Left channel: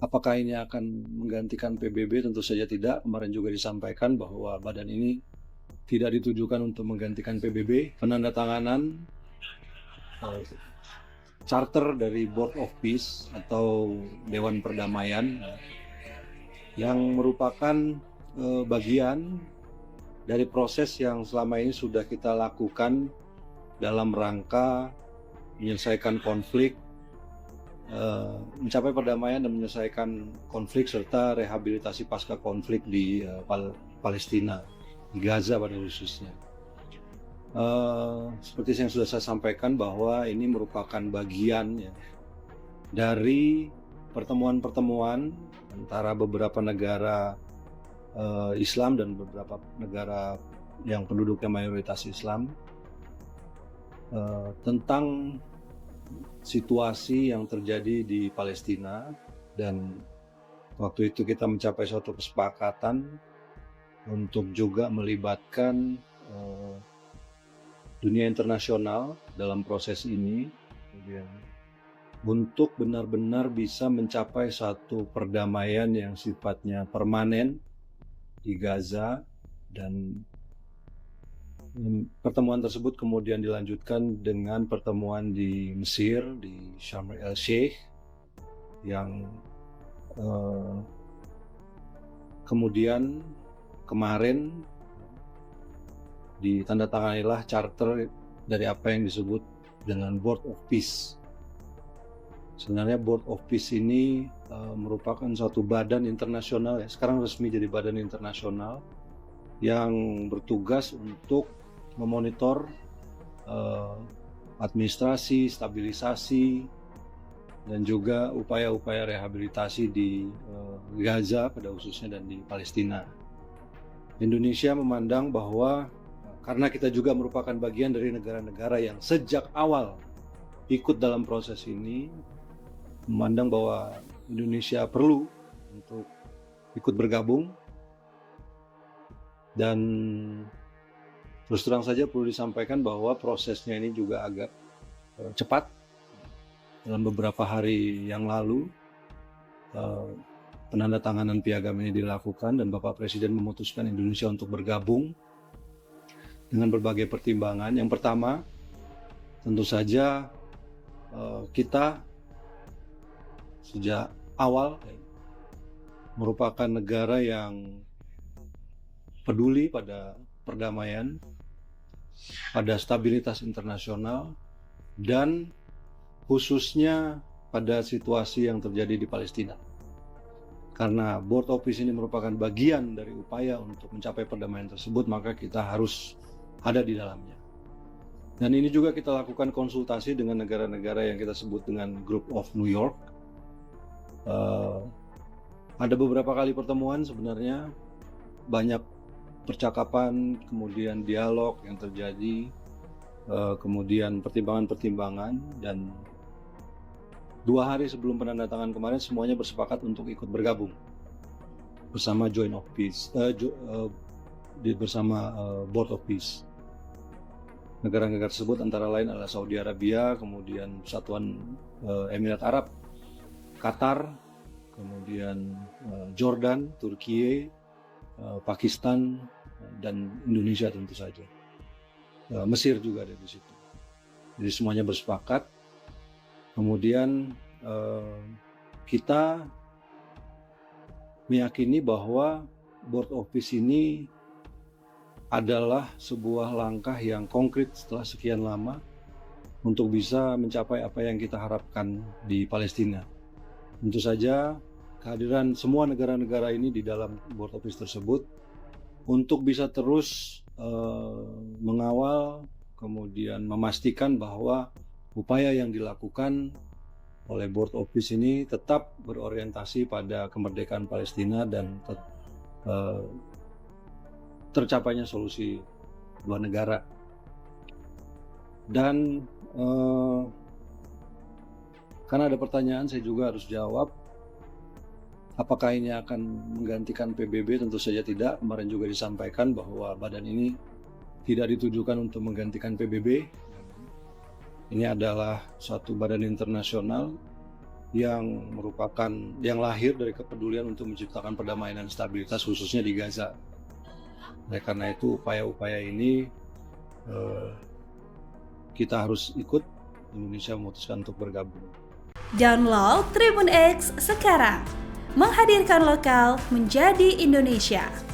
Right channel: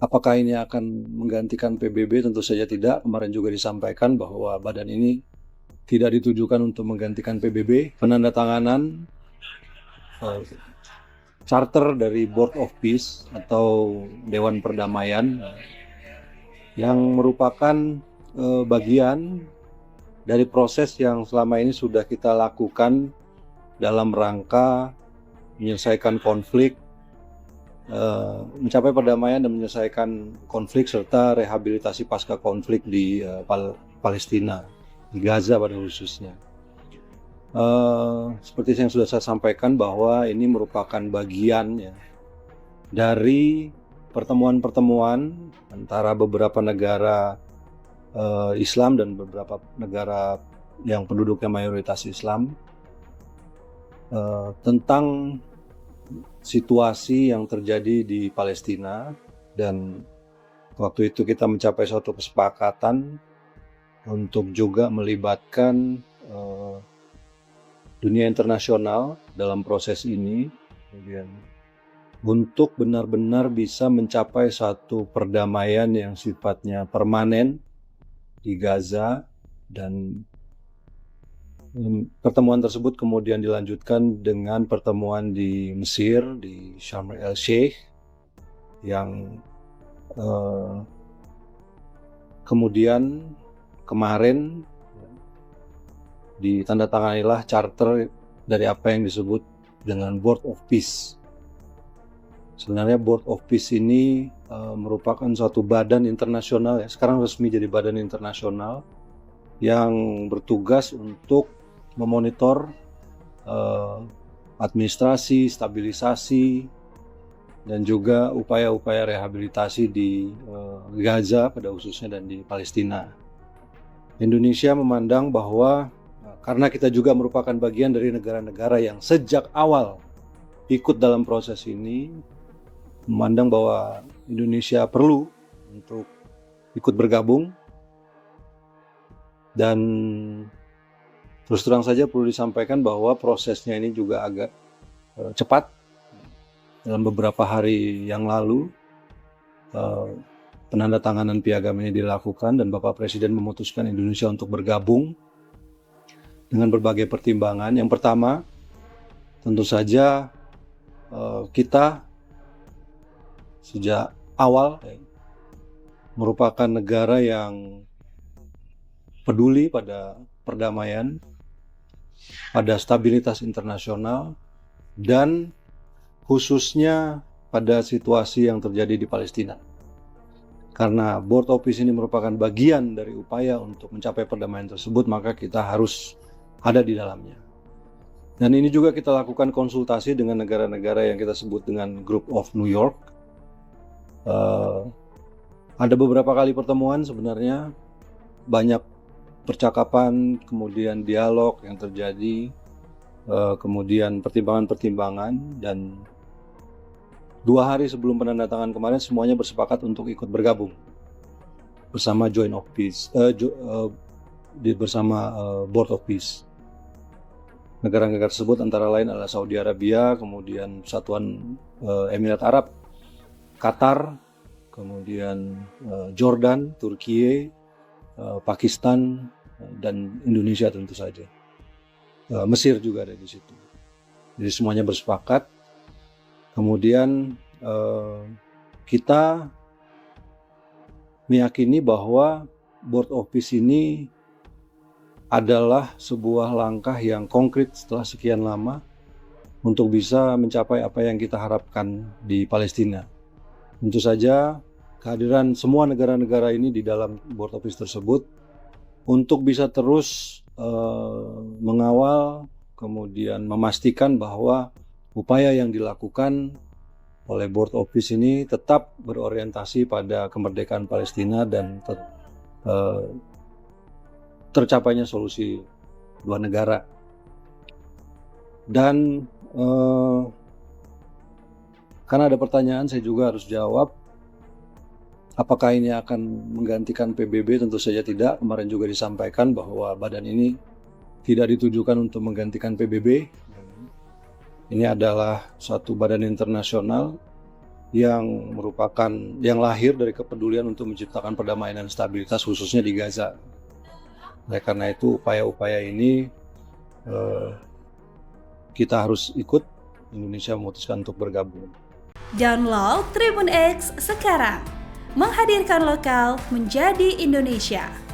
Apakah ini akan menggantikan PBB? Tentu saja tidak. Kemarin juga disampaikan bahwa badan ini tidak ditujukan untuk menggantikan PBB. Penandatanganan charter dari Board of Peace atau Dewan Perdamaian yang merupakan bagian dari proses yang selama ini sudah kita lakukan dalam rangka menyelesaikan konflik, mencapai perdamaian dan menyelesaikan konflik serta rehabilitasi pasca konflik di Palestina, di Gaza pada khususnya. Seperti yang sudah saya sampaikan bahwa ini merupakan bagian ya, dari pertemuan-pertemuan antara beberapa negara Islam dan beberapa negara yang penduduknya mayoritas Islam tentang situasi yang terjadi di Palestina, dan waktu itu kita mencapai suatu kesepakatan untuk juga melibatkan dunia internasional dalam proses ini, kemudian untuk benar-benar bisa mencapai suatu perdamaian yang sifatnya permanen di Gaza. Dan pertemuan tersebut kemudian dilanjutkan dengan pertemuan di Mesir, di Sharm el-Sheikh, yang kemudian kemarin ditandatanganilah charter dari apa yang disebut dengan Board of Peace. Sebenarnya Board of Peace ini merupakan suatu badan internasional, ya, sekarang resmi jadi badan internasional yang bertugas untuk memonitor administrasi, stabilisasi, dan juga upaya-upaya rehabilitasi di Gaza pada khususnya dan di Palestina. Indonesia memandang bahwa karena kita juga merupakan bagian dari negara-negara yang sejak awal ikut dalam proses ini, memandang bahwa Indonesia perlu untuk ikut bergabung. Dan terus terang saja perlu disampaikan bahwa prosesnya ini juga agak cepat. Dalam beberapa hari yang lalu penandatanganan piagam ini dilakukan dan Bapak Presiden memutuskan Indonesia untuk bergabung dengan berbagai pertimbangan. Yang pertama, tentu saja kita sejak awal merupakan negara yang peduli pada perdamaian, pada stabilitas internasional, dan khususnya pada situasi yang terjadi di Palestina. Karena Board of Peace ini merupakan bagian dari upaya untuk mencapai perdamaian tersebut, maka kita harus ada di dalamnya. Dan ini juga kita lakukan konsultasi dengan negara-negara yang kita sebut dengan Group of New York. Ada beberapa kali pertemuan, sebenarnya banyak percakapan, kemudian dialog yang terjadi, kemudian pertimbangan-pertimbangan, dan 2 hari sebelum penandatanganan kemarin semuanya bersepakat untuk ikut bergabung bersama Joint of Peace, bersama Board of Peace. Negara-negara tersebut antara lain adalah Saudi Arabia, kemudian Persatuan Emirat Arab, Qatar, kemudian Jordan, Turki, Pakistan, dan Indonesia tentu saja. Mesir juga ada di situ. Jadi semuanya bersepakat. Kemudian kita meyakini bahwa Board of Peace ini adalah sebuah langkah yang konkret setelah sekian lama untuk bisa mencapai apa yang kita harapkan di Palestina. Tentu saja kehadiran semua negara-negara ini di dalam Board of Peace tersebut untuk bisa terus mengawal, kemudian memastikan bahwa upaya yang dilakukan oleh Board of Peace ini tetap berorientasi pada kemerdekaan Palestina dan tercapainya solusi dua negara. Dan karena ada pertanyaan, saya juga harus jawab. Apakah ini akan menggantikan PBB? Tentu saja tidak. Kemarin juga disampaikan bahwa badan ini tidak ditujukan untuk menggantikan PBB. Ini adalah suatu badan internasional yang merupakan yang lahir dari kepedulian untuk menciptakan perdamaian dan stabilitas khususnya di Gaza. Karena itu upaya-upaya ini kita harus ikut. Indonesia memutuskan untuk bergabung. Download Tribun X sekarang, menghadirkan lokal menjadi Indonesia.